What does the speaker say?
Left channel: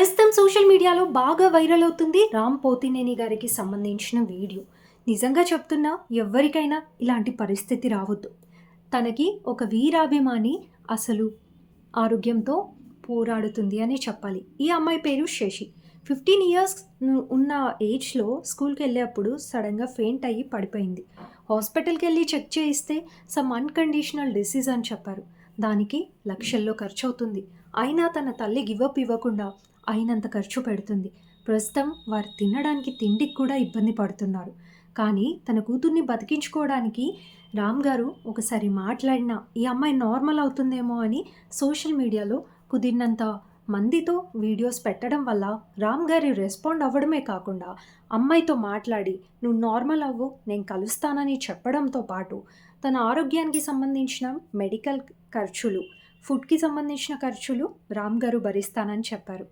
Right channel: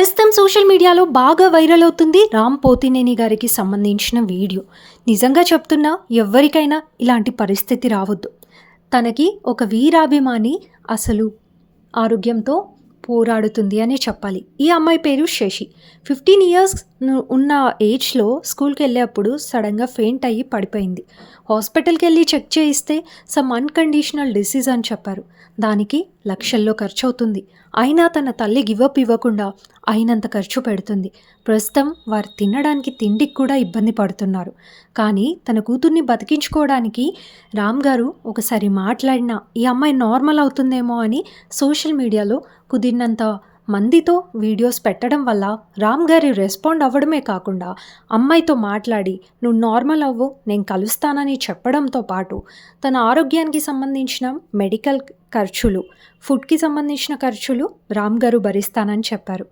ప్రస్తుతం సోషల్ మీడియాలో బాగా వైరల్ అవుతుంది రామ్ పోతినేని గారికి సంబంధించిన వీడియో. నిజంగా చెప్తున్నా, ఎవ్వరికైనా ఇలాంటి పరిస్థితి రావద్దు. తనకి ఒక వీరాభిమాని అసలు ఆరోగ్యంతో పోరాడుతుంది అనే చెప్పాలి. ఈ అమ్మాయి పేరు శశి. 15 ఇయర్స్ ఉన్న ఏజ్‌లో స్కూల్‌కెళ్ళేప్పుడు సడెన్‌గా ఫెయింట్ అయ్యి పడిపోయింది. హాస్పిటల్‌కెళ్ళి చెక్ చేయిస్తే సమ్ అన్‌కండీషనల్ డిసీజ్ అని చెప్పారు. దానికి లక్షల్లో ఖర్చవుతుంది. అయినా తన తల్లి గివ్ అప్ ఇవ్వకుండా అయినంత ఖర్చు పెడుతుంది. ప్రస్తుతం వారు తినడానికి తిండికి కూడా ఇబ్బంది పడుతున్నారు. కానీ తన కూతుర్ని బతికించుకోవడానికి రామ్ గారు ఒకసారి మాట్లాడినా ఈ అమ్మాయి నార్మల్ అవుతుందేమో అని సోషల్ మీడియాలో కుదిరినంత మందితో వీడియోస్ పెట్టడం వల్ల రామ్ గారి రెస్పాండ్ అవ్వడమే కాకుండా అమ్మాయితో మాట్లాడి నువ్వు నార్మల్ అవ్వు, నేను కలుస్తానని చెప్పడంతో పాటు తన ఆరోగ్యానికి సంబంధించిన మెడికల్ ఖర్చులు, ఫుడ్‌కి సంబంధించిన ఖర్చులు రామ్ గారు భరిస్తానని చెప్పారు.